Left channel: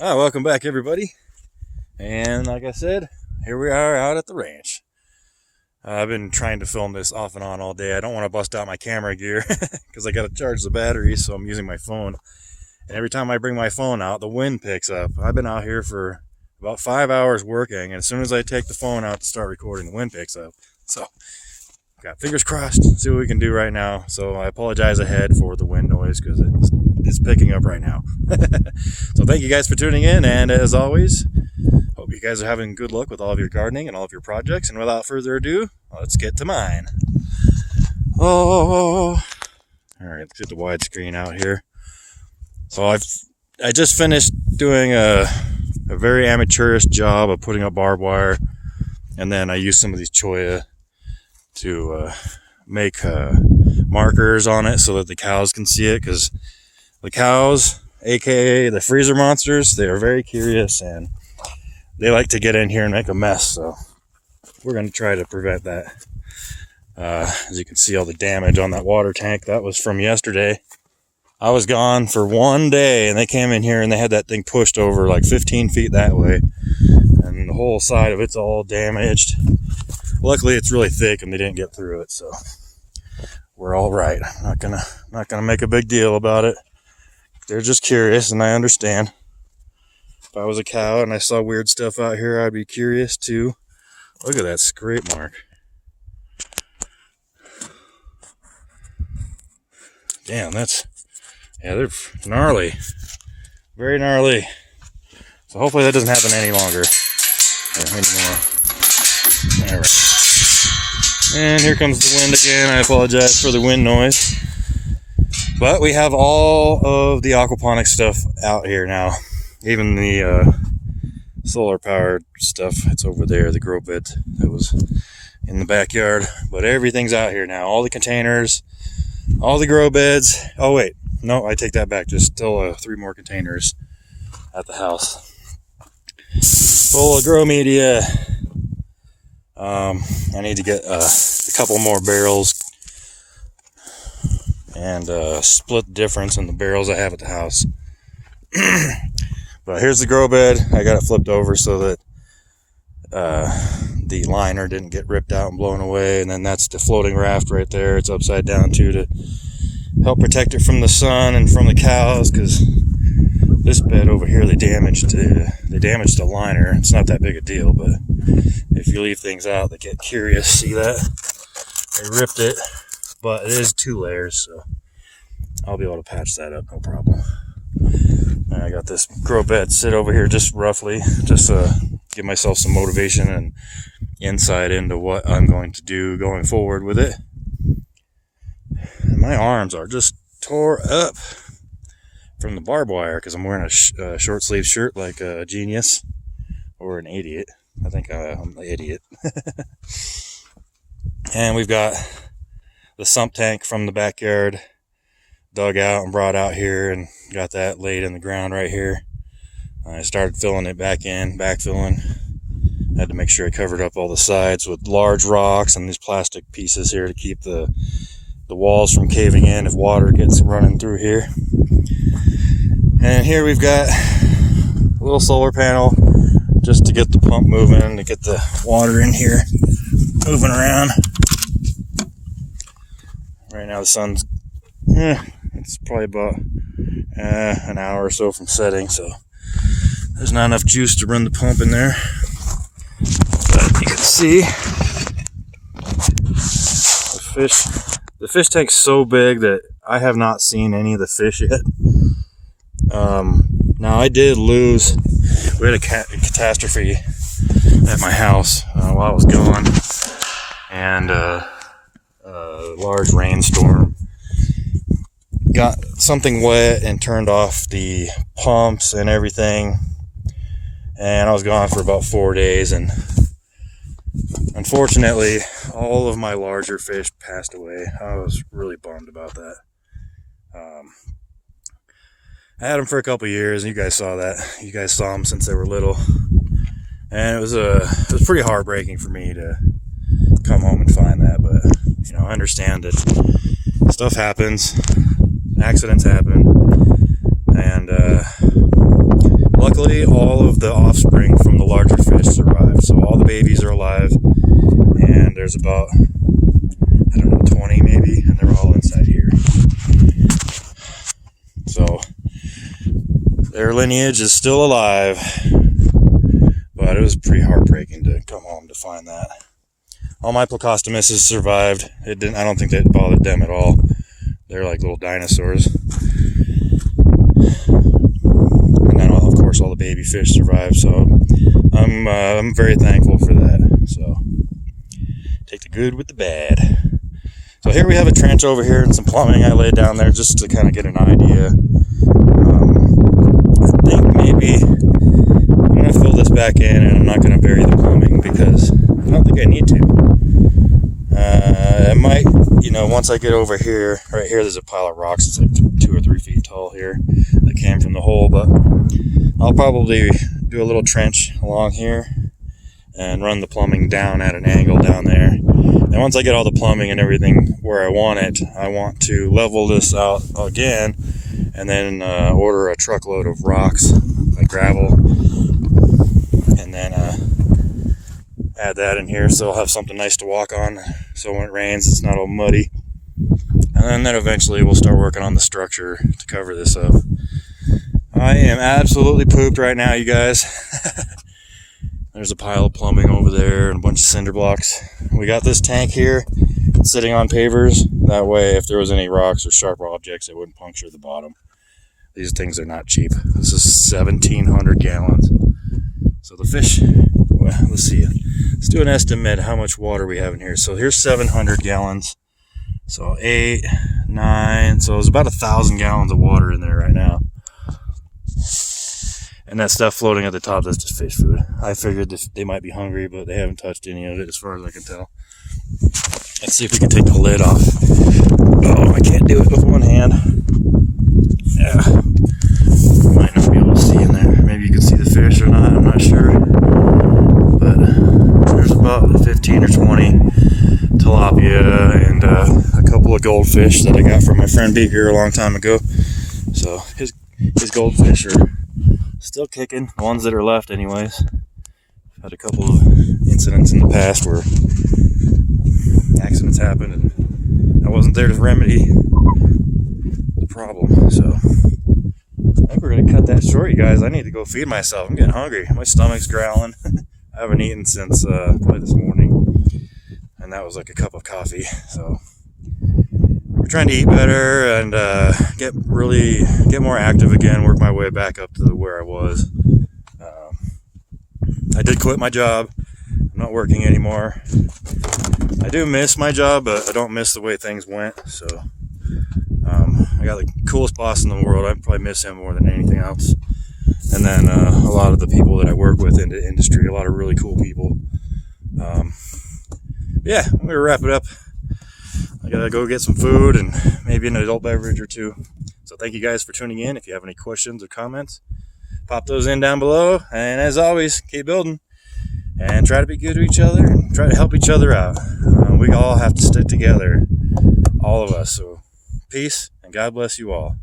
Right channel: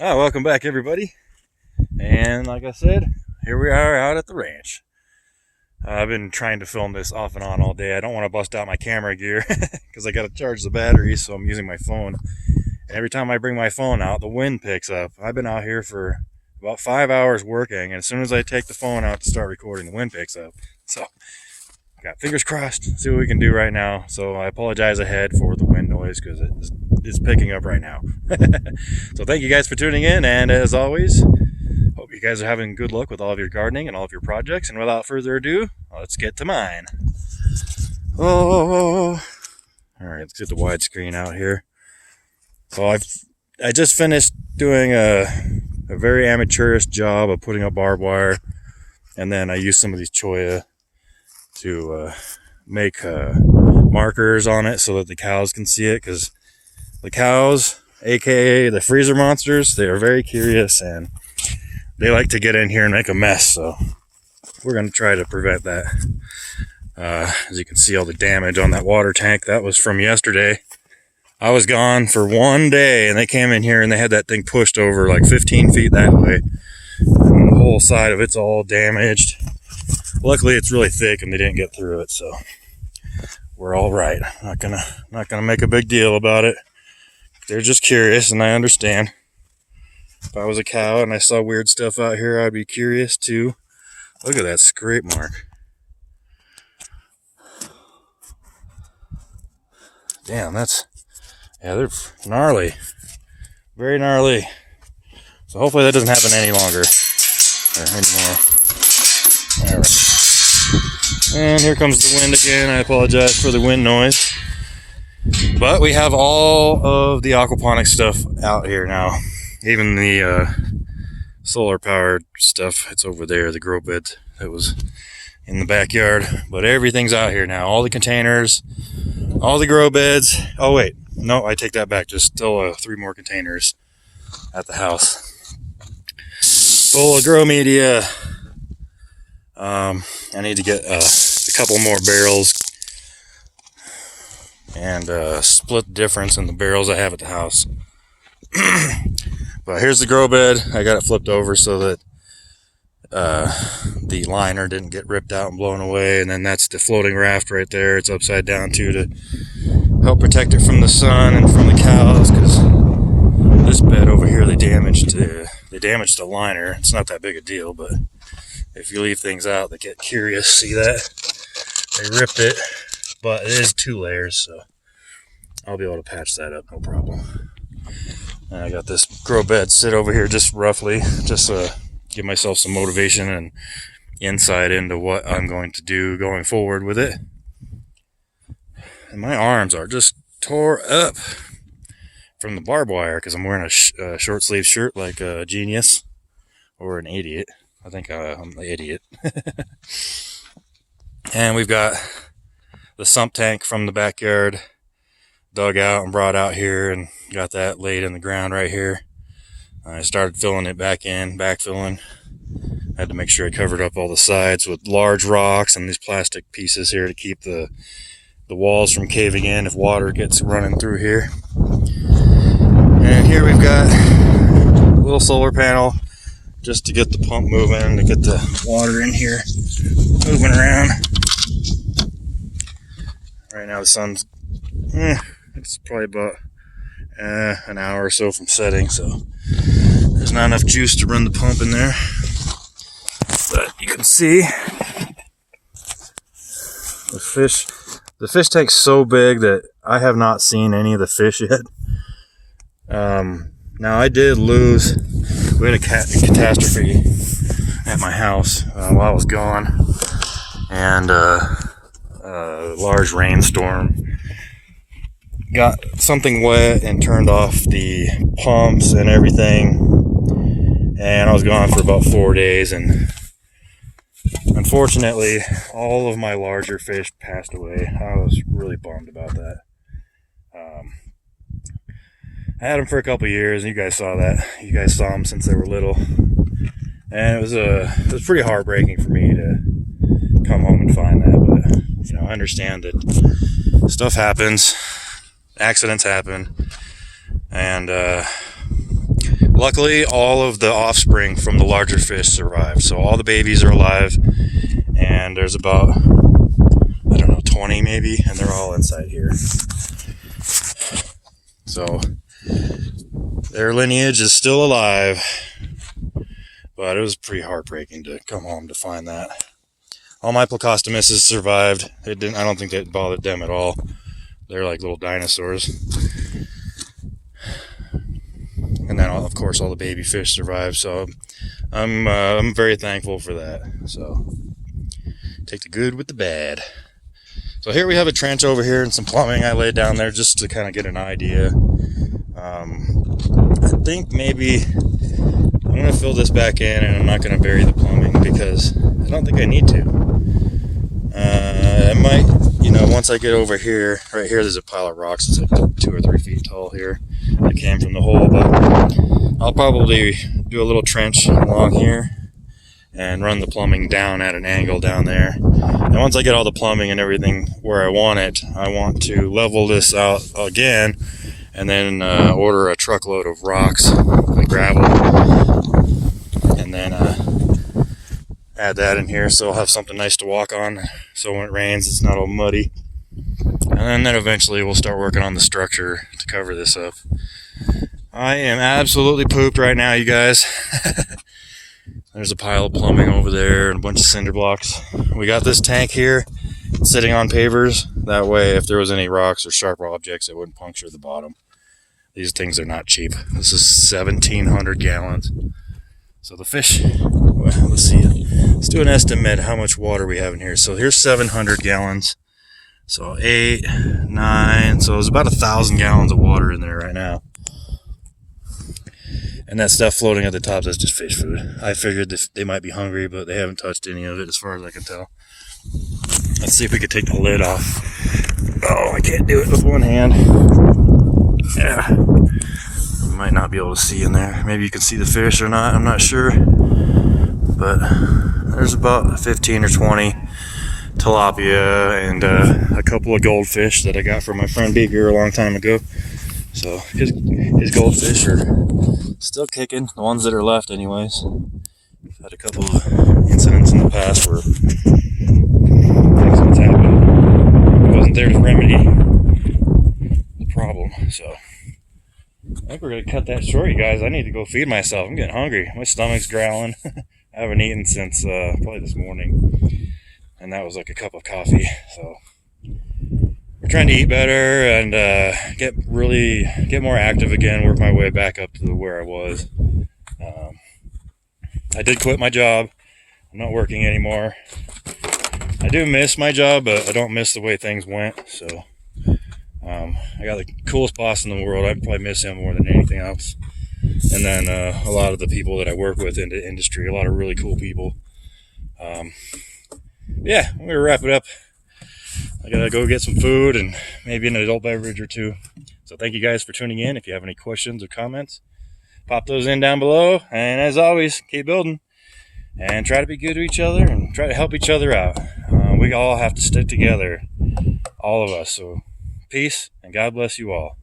Welcome back, everybody. And like I said, here we are out at the ranch. I've been trying to film this off and on all day. I don't want to bust out my camera gear because I got to charge the battery, so I'm using my phone. And every time I bring my phone out, the wind picks up. I've been out here for about 5 hours working, and as soon as I take the phone out to start recording, the wind picks up. So, got fingers crossed. See what we can do right now. So I apologize ahead for the wind noise because it's picking up right now. So thank you guys for tuning in, and as always, hope you guys are having good luck with all of your gardening and all of your projects. And without further ado, let's get to mine. All right, let's get the widescreen out here. So I just finished doing a very amateurish job of putting up barbed wire, and then I used some of these cholla to make markers on it so that the cows can see it, because the cows, aka the freezer monsters, they are very curious and they like to get in here and make a mess. So we're going to try to prevent that. As you can see, all the damage on that water tank, that was from yesterday. I was gone for one day and they came in here and they had that thing pushed over like 15 feet that way, and the whole side of it's all damaged. Luckily it's really thick and they didn't get through it, so we're all right. Not gonna make a big deal about it. They're just curious, and I understand. If I was a cow and I saw weird stuff out here, I'd be curious too. Look at that scrape mark. Damn, they're gnarly. Very gnarly. So hopefully that doesn't happen any longer. Or anymore. Alright. And here comes the wind again. I apologize for the wind noise. But we have all of the aquaponics stuff out here now. Even the solar powered stuff, it's over there, the grow bed that was in the backyard. But everything's out here now. All the containers, all the grow beds. Oh wait, no, I take that back. Just still 3 more containers at the house. Full of grow media. I need to get a couple more barrels and split the difference in the barrels I have at the house. But here's the grow bed. I got it flipped over so that the liner didn't get ripped out and blown away. And then that's the floating raft right there. It's upside down too to help protect it from the sun and from the cows, because this bed over here they damaged the liner. It's not that big a deal, but if you leave things out, they get curious. See that? They ripped it, but it is 2 layers, so I'll be able to patch that up, no problem. And I got this grow bed sit over here just roughly, just to give myself some motivation and insight into what I'm going to do going forward with it. And my arms are just tore up from the barbed wire because I'm wearing a short sleeve shirt like a genius or an idiot. I think I'm the idiot. And we've got the sump tank from the backyard dug out and brought out here, and got that laid in the ground right here. I started filling it back in, backfilling. I had to make sure I covered up all the sides with large rocks and these plastic pieces here to keep the walls from caving in if water gets running through here. And here we've got a little solar panel just to get the pump moving, to get the water in here moving around. Right now the sun's it's probably about an hour or so from setting, so there's not enough juice to run the pump in there. But you can see the fish tank's so big that I have not seen any of the fish yet. Now I did lose, we had a catastrophe at my house while I was gone, and a large rainstorm got something wet and turned off the pumps and everything, and I was gone for about 4 days, and unfortunately all of my larger fish passed away. I was really bummed about that. I had them for a couple years, and you guys saw that. You guys saw them since they were little, and it was pretty heartbreaking for me to come home and find that. But you know, I understand that stuff happens, accidents happen, and Luckily, all of the offspring from the larger fish survived. So all the babies are alive, and there's about, I don't know, 20 maybe, and they're all inside here. So their lineage is still alive, but it was pretty heartbreaking to come home to find that. All my Plecostomuses survived. I don't think that bothered them at all. They're like little dinosaurs. And then, of course, all the baby fish survived. So I'm very thankful for that. So take the good with the bad. So here we have a trench over here and some plumbing I laid down there just to kind of get an idea. I think maybe I'm going to fill this back in, and I'm not going to bury the plumbing because I don't think I need to. I might, once I get over here, right here there's a pile of rocks. It's like 2 or 3 feet tall here that came from the hole, but I'll probably do a little trench along here and run the plumbing down at an angle down there. And once I get all the plumbing and everything where I want it, I want to level this out again and then order a truckload of rocks, like gravel, and then add that in here so I'll have something nice to walk on so when it rains it's not all muddy. And then eventually we'll start working on the structure to cover this up. I am absolutely pooped right now, you guys. There's a pile of plumbing over there and a bunch of cinder blocks. We got this tank here sitting on pavers. That way, if there was any rocks or sharp objects, it wouldn't puncture the bottom. These things are not cheap. This is 1,700 gallons. So the fish, well, let's see. Let's do an estimate how much water we have in here. So here's 700 gallons. So 8, 9, so there's about 1,000 gallons of water in there right now. And that stuff floating at the top, that's just fish food. I figured they might be hungry, but they haven't touched any of it as far as I can tell. Let's see if we can take the lid off. Oh, I can't do it with one hand. Yeah. You might not be able to see in there. Maybe you can see the fish or not, I'm not sure. But there's about 15 or 20 tilapia and a couple of goldfish that I got from my friend Beaker a long time ago. So his goldfish are still kicking, the ones that are left anyways. I've had a couple of incidents in the past where accidents happened. I wasn't there to remedy the problem, so I think we're going to cut that short, you guys. I need to go feed myself. I'm getting hungry. My stomach's growling. I haven't eaten since probably this morning, and that was like a cup of coffee. So we're trying to eat better and get more active again, work my way back up to where I was. I did quit my job. I'm not working anymore. I do miss my job, but I don't miss the way things went. So I got the coolest boss in the world. I probably miss him more than anything else. And then a lot of the people that I work with in the industry, a lot of really cool people. Yeah, I'm gonna wrap it up. I gotta go get some food and maybe an adult beverage or two. So thank you guys for tuning in. If you have any questions or comments, pop those in down below. And as always, keep building and try to be good to each other and try to help each other out. We all have to stick together, all of us. So peace and God bless you all.